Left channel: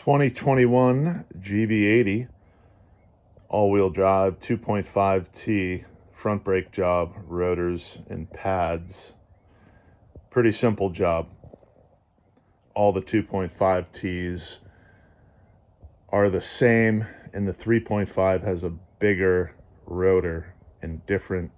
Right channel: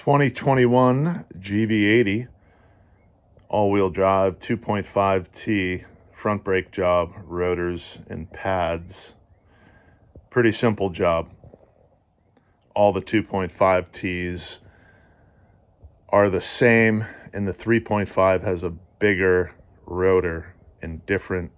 2021 GV80 all-wheel drive 2.5T front brake job, rotors and pads. Pretty simple job. All the 2.5Ts are the same, and the 3.5 has a bigger rotor and different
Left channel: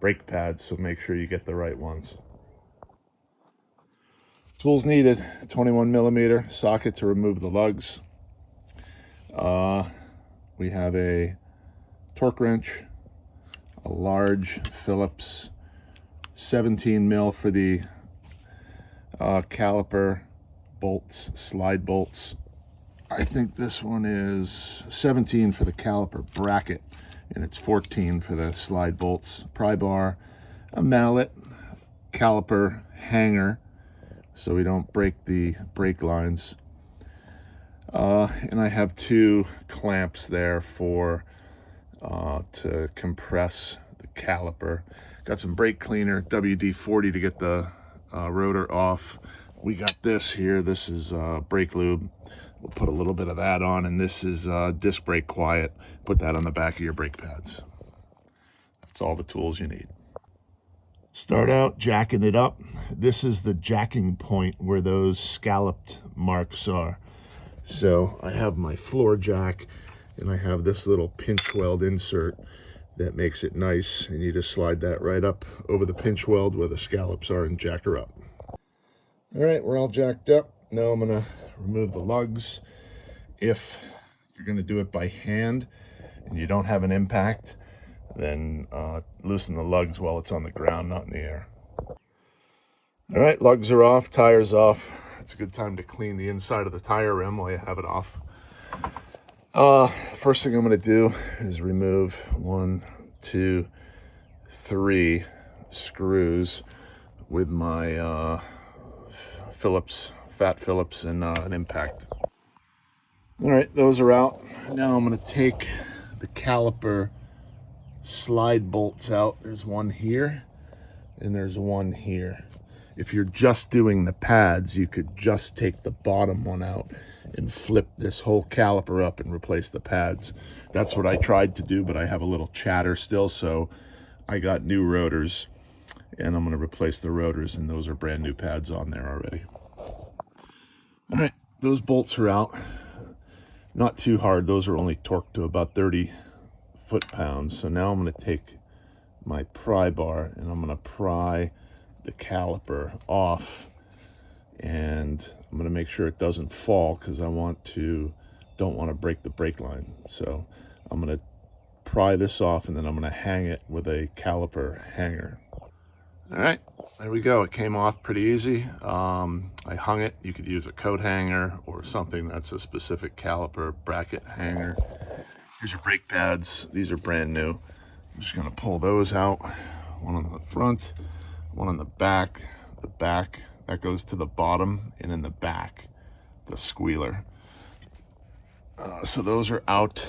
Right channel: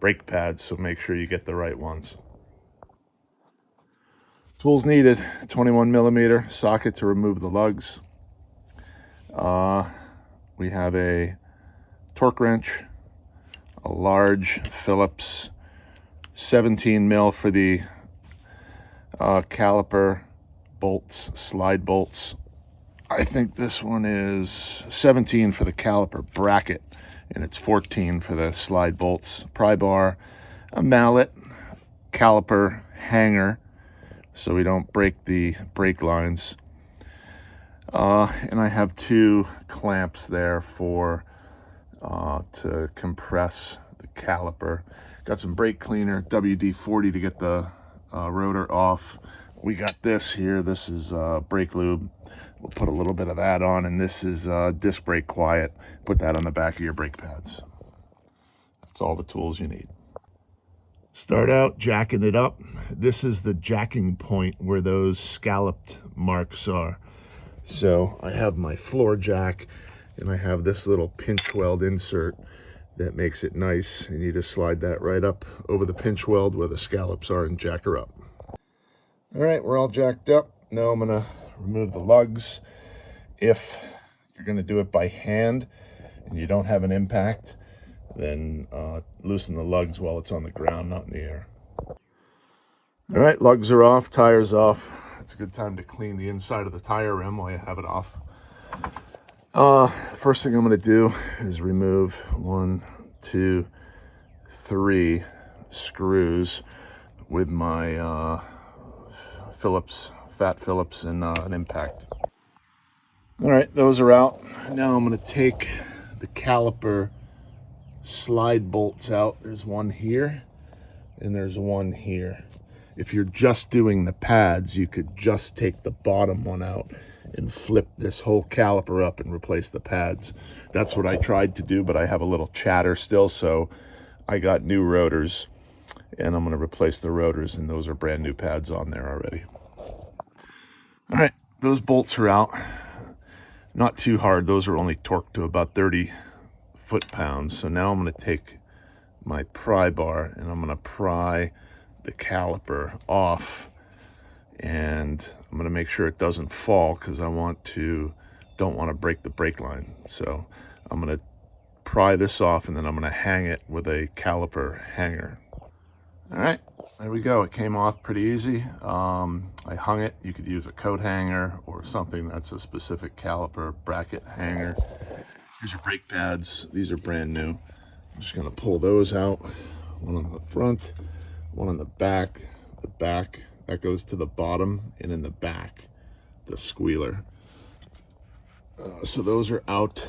brake pads, so make sure you get the right ones. Tools needed: 21mm socket to remove the lugs. We have a torque wrench, a large Phillips 17mm for the caliper bolts, slide bolts. I think this one is 17 for the caliper bracket, and it's 14 for the slide bolts. Pry bar, a mallet, caliper hanger, so we don't break the brake lines. And I have two clamps there for to compress the caliper. Got some brake cleaner, WD-40 to get the rotor off. We got this here. This is brake lube. We'll put a little bit of that on, and this is disc brake quiet. Put that on the back of your brake pads. That's all the tools you need. Start out jacking it up. This is the jacking point where those scalloped marks are. So I have my floor jack, and I have this little pinch weld insert that makes it nice, and you just slide that right up over the pinch weld where the scallops are and jack her up. All right, we're all jacked up. Now I'm gonna remove the lugs. If you're gonna do it by hand and you don't have an impact, then loosen the lugs while it's on the ground, not in the air. All right, lugs are off, tires off. It's a good time to clean the inside of the tire rim while you have it off. First thing I'm going to do is remove 1, 2, 3 screws with my Phillips, Fat Phillips, and an impact. All right, those are out. Now I'm going to take the caliper slide bolts out. There's one here and there's one here. If you're just doing the pads, you could just take the bottom one out and flip this whole caliper up and replace the pads. That's what I tried to do, but I have a little chatter still, so I got new rotors, and I'm going to replace the rotors, and those are brand new pads on there already. All right, those bolts are out. Not too hard. Those are only torqued to about 30 foot-pounds. So now I'm going to take my pry bar, and I'm going to pry the caliper off, and I'm going to make sure it doesn't fall, because I don't want to break the brake line. So I'm going to pry this off, and then I'm going to hang it with a caliper hanger. All right, there we go. It came off pretty easy. I hung it. You could use a coat hanger or something that's a specific caliper bracket hanger. Here's your brake pads. These are brand new. I'm just going to pull those out. One on the front, one on the back. The back, that goes to the bottom, and in the back, the squealer. So those are out.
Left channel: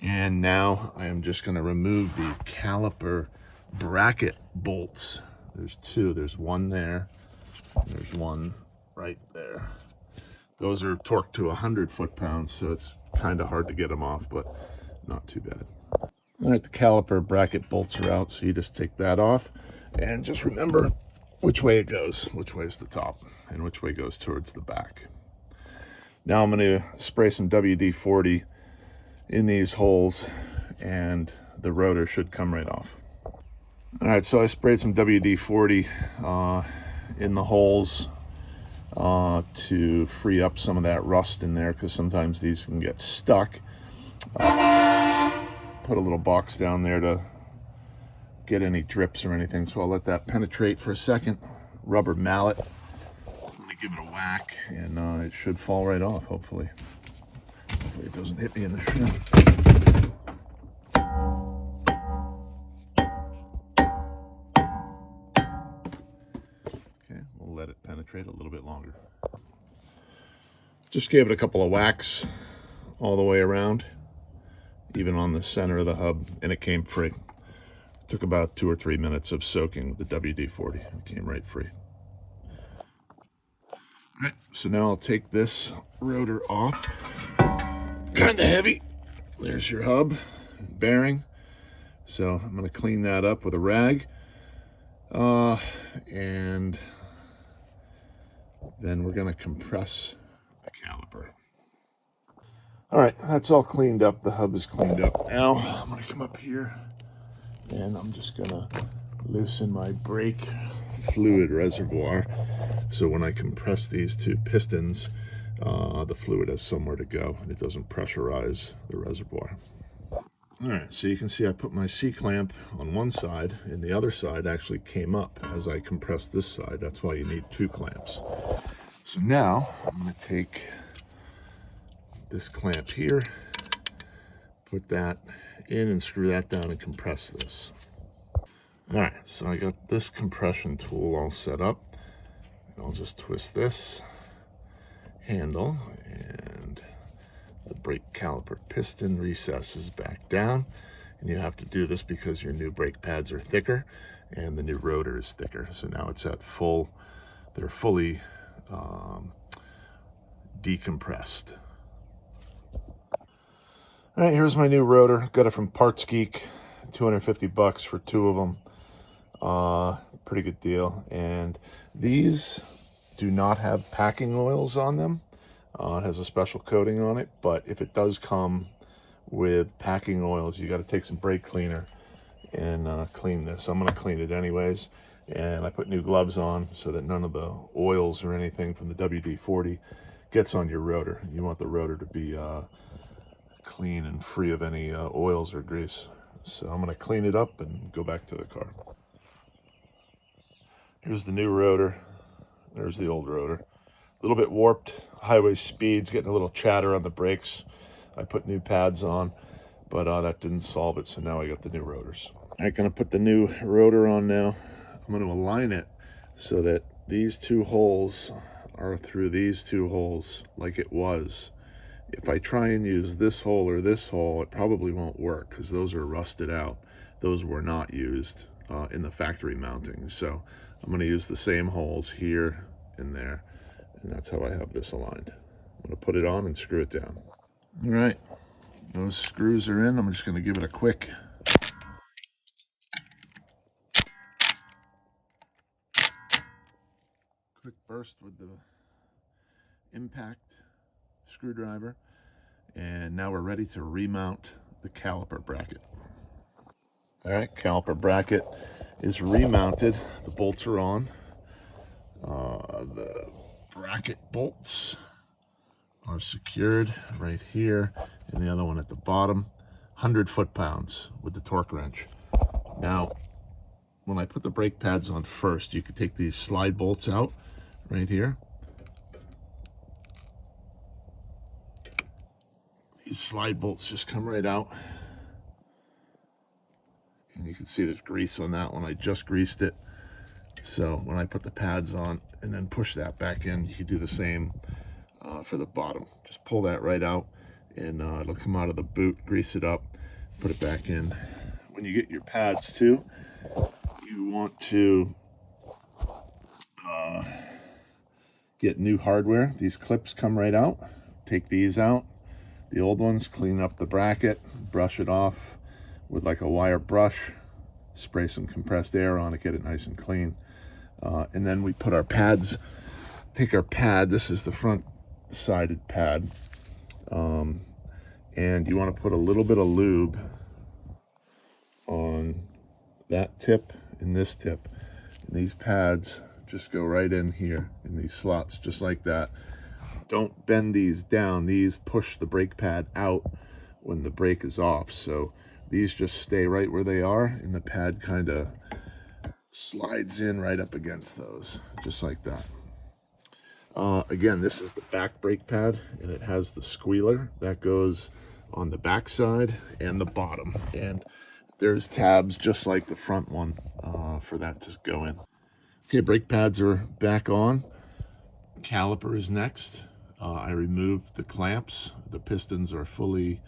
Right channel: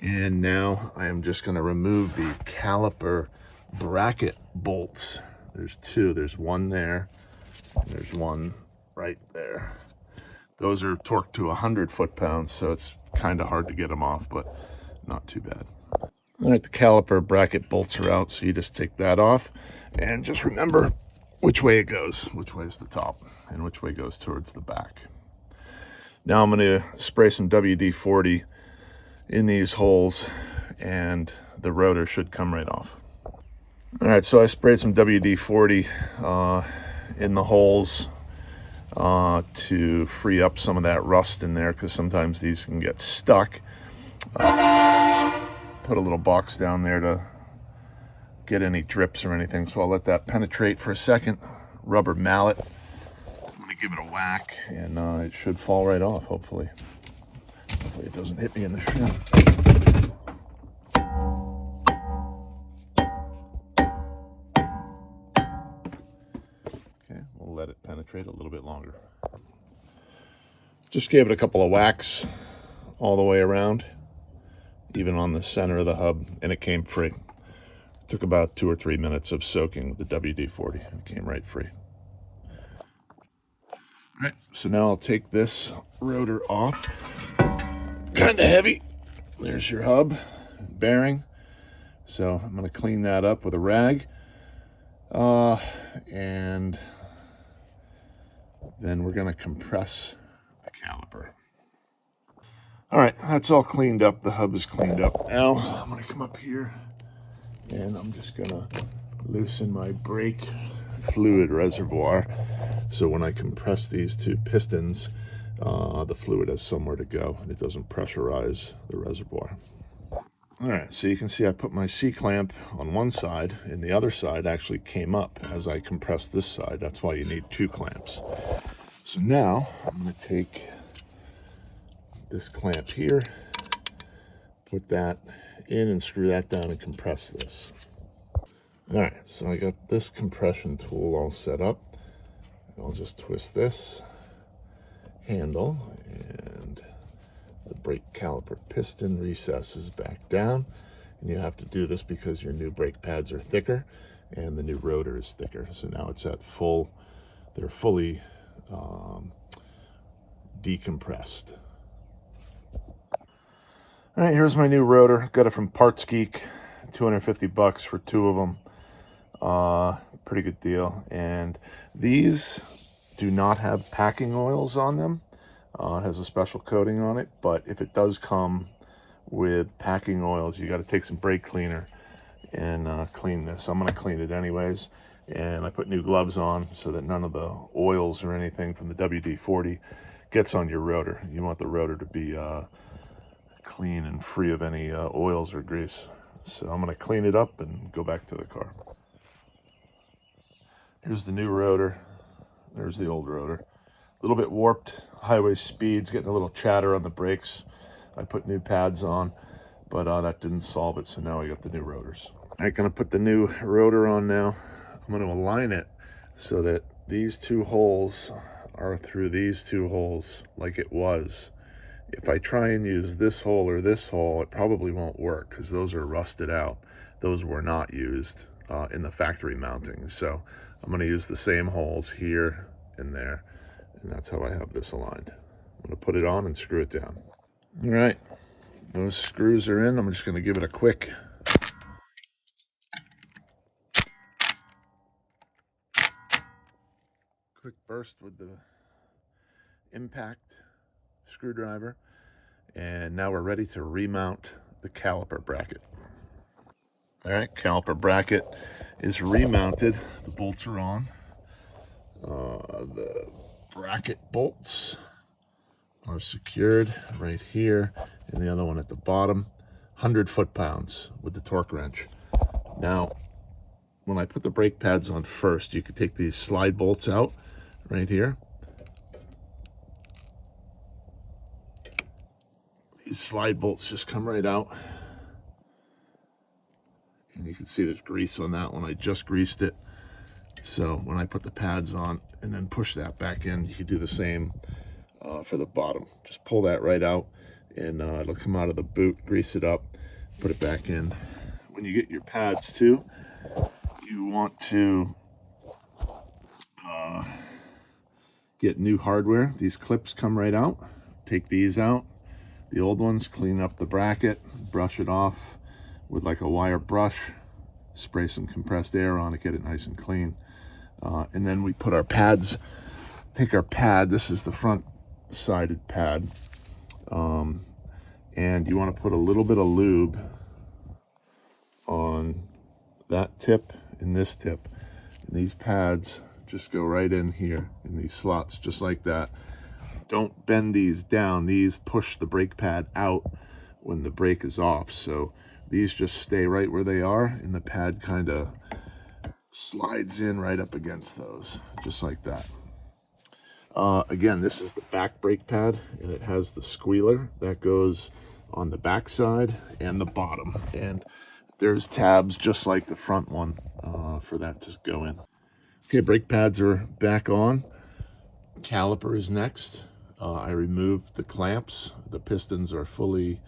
And now I am just going to remove the caliper bracket bolts. There's two. There's one there. There's one right there. Those are torqued to 100 foot-pounds, so it's kind of hard to get them off, but not too bad. All right, the caliper bracket bolts are out, so you just take that off, and just remember which way it goes, which way is the top, and which way goes towards the back. Now I'm going to spray some WD-40 in these holes, and the rotor should come right off. All right, so I sprayed some WD-40 in the holes to free up some of that rust in there, because sometimes these can get stuck. Put a little box down there to get any drips or anything, so I'll let that penetrate for a second. Rubber mallet. I'm going to give it a whack, and it should fall right off, hopefully. Hopefully it doesn't hit me in the shin. Okay, we'll let it penetrate a little bit longer. Just gave it a couple of whacks all the way around, even on the center of the hub, and it came free. It took about 2 or 3 minutes of soaking with the WD-40. It came right free. All right, so now I'll take this rotor off. Kind of heavy. There's your hub, bearing. So I'm gonna clean that up with a rag. And then we're gonna compress the caliper. All right, that's all cleaned up. The hub is cleaned up. Now I'm gonna come up here and I'm just gonna loosen my brake fluid reservoir. So when I compress these two pistons, the fluid has somewhere to go and it doesn't pressurize the reservoir. All right, so you can see I put my C-clamp on one side and the other side actually came up as I compressed this side. That's why you need two clamps. So now I'm gonna take this clamp here, put that in and screw that down and compress this. All right, so I got this compression tool all set up. I'll just twist this handle and the brake caliper piston recesses back down. And you have to do this because your new brake pads are thicker and the new rotor is thicker. So now it's at full, they're fully decompressed. All right, here's my new rotor. Got it from Parts Geek, 250 bucks for two of them. Pretty good deal. And these do not have packing oils on them. It has a special coating on it, but if it does come with packing oils, you got to take some brake cleaner and clean this. I'm going to clean it anyways. And I put new gloves on so that none of the oils or anything from the WD-40 gets on your rotor. You want the rotor to be clean and free of any oils or grease. So I'm going to clean it up and go back to the car. Here's the new rotor. There's the old rotor. A little bit warped, highway speeds, getting a little chatter on the brakes. I put new pads on, but that didn't solve it, so now I got the new rotors. I'm gonna put the new rotor on now. I'm gonna align it so that these two holes are through these two holes like it was. If I try and use this hole or this hole, it probably won't work because those are rusted out. Those were not used in the factory mounting. So I'm gonna use the same holes here and there. And that's how I have this aligned. I'm gonna put it on and screw it down. All right, those screws are in. I'm just gonna give it a quick burst with the impact screwdriver. And now we're ready to remount the caliper bracket. All right, caliper bracket is remounted. The bolts are on. The bracket bolts are secured right here and the other one at the bottom. 100 foot-pounds with the torque wrench. Now, when I put the brake pads on first, you could take these slide bolts out right here. These slide bolts just come right out. And you can see there's grease on that one. I just greased it. So when I put the pads on and then push that back in, you can do the same for the bottom. Just pull that right out and it'll come out of the boot, grease it up, put it back in. When you get your pads too, you want to get new hardware. These clips come right out. Take these out. The old ones, clean up the bracket, brush it off with like a wire brush, spray some compressed air on it, get it nice and clean. And then we put our pads, take our pad, this is the front sided pad, and you want to put a little bit of lube on that tip and this tip. And these pads just go right in here in these slots, just like that. Don't bend these down. These push the brake pad out when the brake is off. So these just stay right where they are, and the pad kind of slides in right up against those, just like that. Again, this is the back brake pad, and it has the squealer that goes on the back side and the bottom. And there's tabs just like the front one for that to go in. Okay, brake pads are back on. Caliper is next. I removed the clamps. The pistons are fully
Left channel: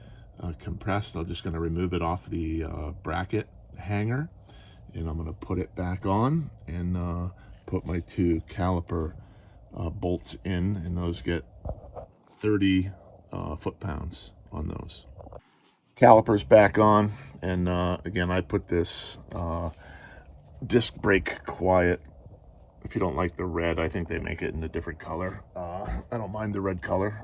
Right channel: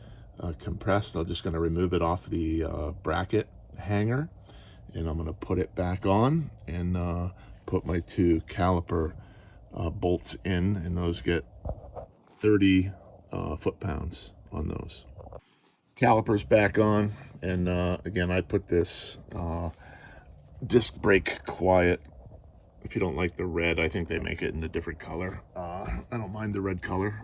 compressed. I'm just going to remove it off the bracket hanger, and I'm going to put it back on and put my two caliper bolts in, and those get 30 foot-pounds on those. Calipers back on, and again, I put this disc brake quiet. If you don't like the red, I think they make it in a different color. I don't mind the red color,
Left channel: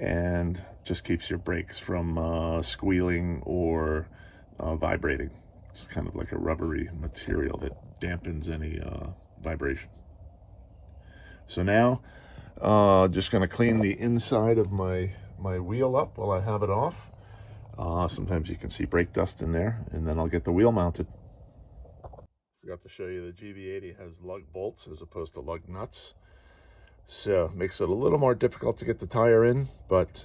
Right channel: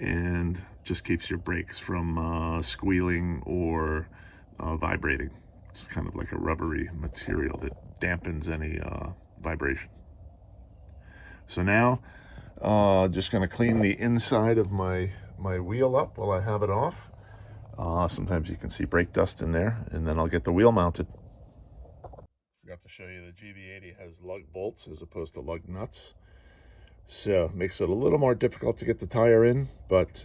and just keeps your brakes from squealing or vibrating. It's kind of like a rubbery material that dampens any vibration. So now, just going to clean the inside of my wheel up while I have it off. Sometimes you can see brake dust in there, and then I'll get the wheel mounted. Forgot to show you the GV80 has lug bolts as opposed to lug nuts, so it makes it a little more difficult to get the tire in, but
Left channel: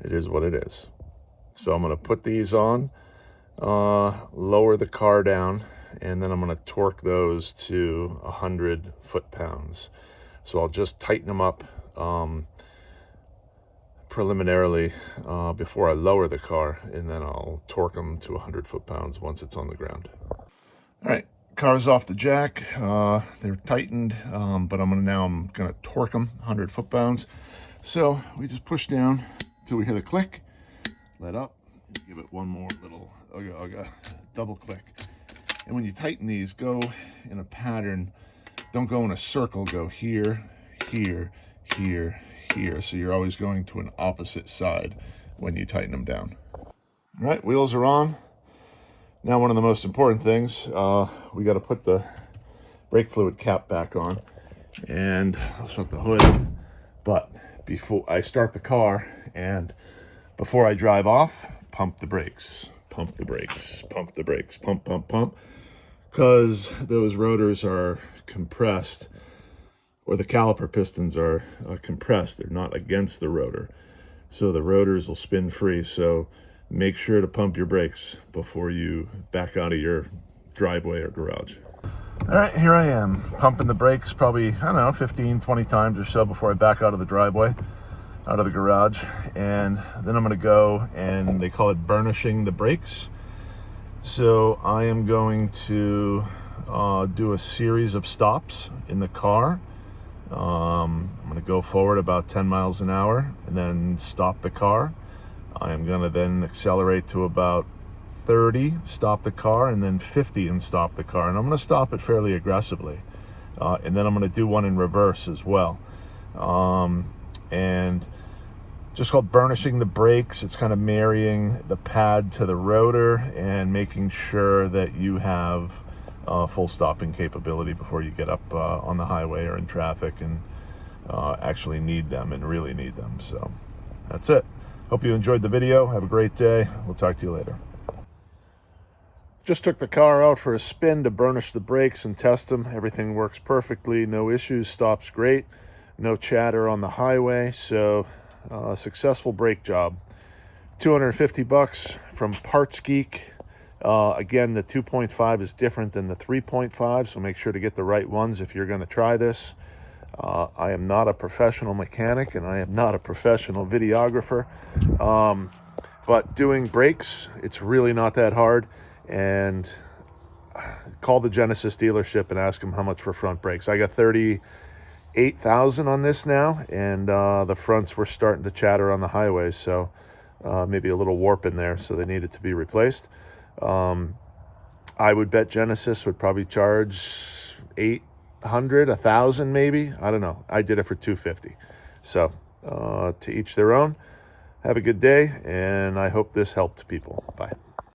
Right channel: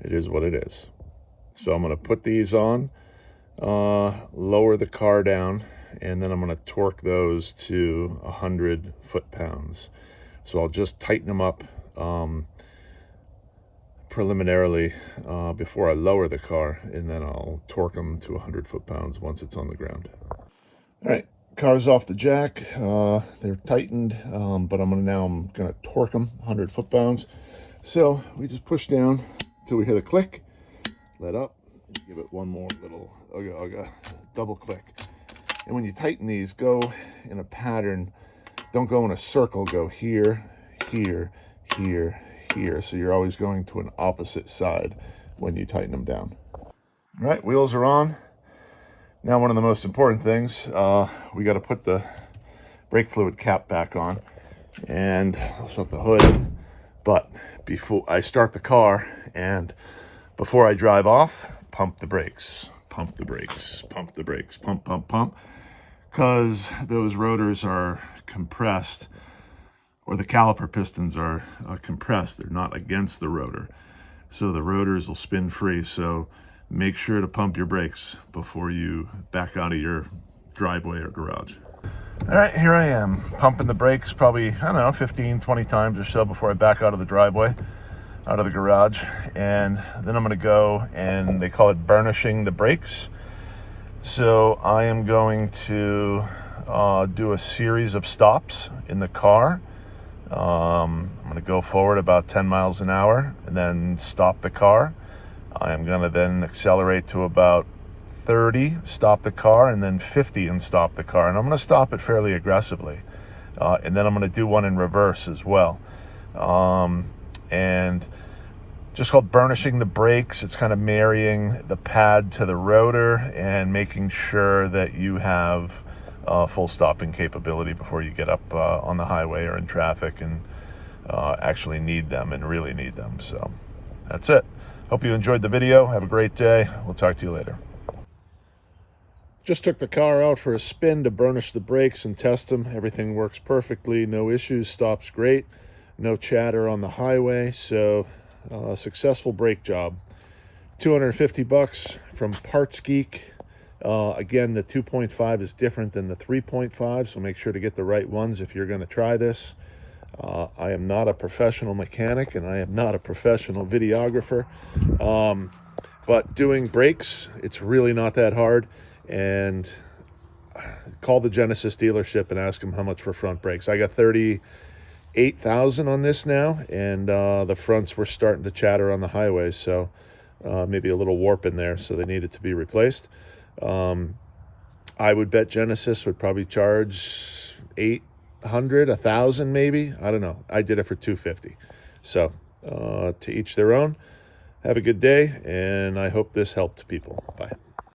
it is what it is. So I'm going to put these on, lower the car down, and then I'm going to torque those to 100 foot-pounds. So I'll just tighten them up preliminarily before I lower the car, and then I'll torque them to 100 foot-pounds once it's on the ground. All right, car's off the jack. They're tightened, but I'm gonna torque them 100 foot-pounds. So we just push down till we hit a click, let up, give it one more little double click. And when you tighten these, go in a pattern. Don't go in a circle. Go here, here, here, here. So you're always going to an opposite side when you tighten them down. All right, wheels are on. Now, one of the most important things, we got to put the brake fluid cap back on, and I'll shut the hood. But before I start the car and before I drive off, pump the brakes, pump the brakes, pump the brakes, pump, pump, pump, because those rotors are compressed, or the caliper pistons are compressed. They're not against the rotor, so the rotors will spin free. So make sure to pump your brakes before you back out of your driveway or garage. All right, here I am pumping the brakes probably, I don't know, 15, 20 times or so before I back out of the driveway, out of the garage. And then I'm gonna go, and they call it burnishing the brakes. So I am going to do a series of stops in the car. I'm gonna go forward about 10 miles an hour and then stop the car. I'm gonna then accelerate to about 30, stop the car, and then 50 and stop the car. And I'm gonna stop it fairly aggressively. And then I'm gonna do one in reverse as well. And just called burnishing the brakes. It's kind of marrying the pad to the rotor and making sure that you have full stopping capability before you get up on the highway or in traffic and actually need them and really need them. So that's it. Hope you enjoyed the video. Have a great day. We'll talk to you later. Just took the car out for a spin to burnish the brakes and test them. Everything works perfectly. No issues. Stops great. No chatter on the highway. So successful brake job. 250 bucks from Parts Geek. Again, the 2.5 is different than the 3.5, so make sure to get the right ones if you're going to try this. I am not a professional mechanic, and I am not a professional videographer, but doing brakes, it's really not that hard. And call the Genesis dealership and ask them how much for front brakes. I got 38,000 on this now, and the fronts were starting to chatter on the highway, so maybe a little warp in there, so they needed to be replaced. I would bet Genesis would probably charge 800, 1,000 maybe. I don't know. I did it for 250. So to each their own. Have a good day, and I hope this helped people. Bye.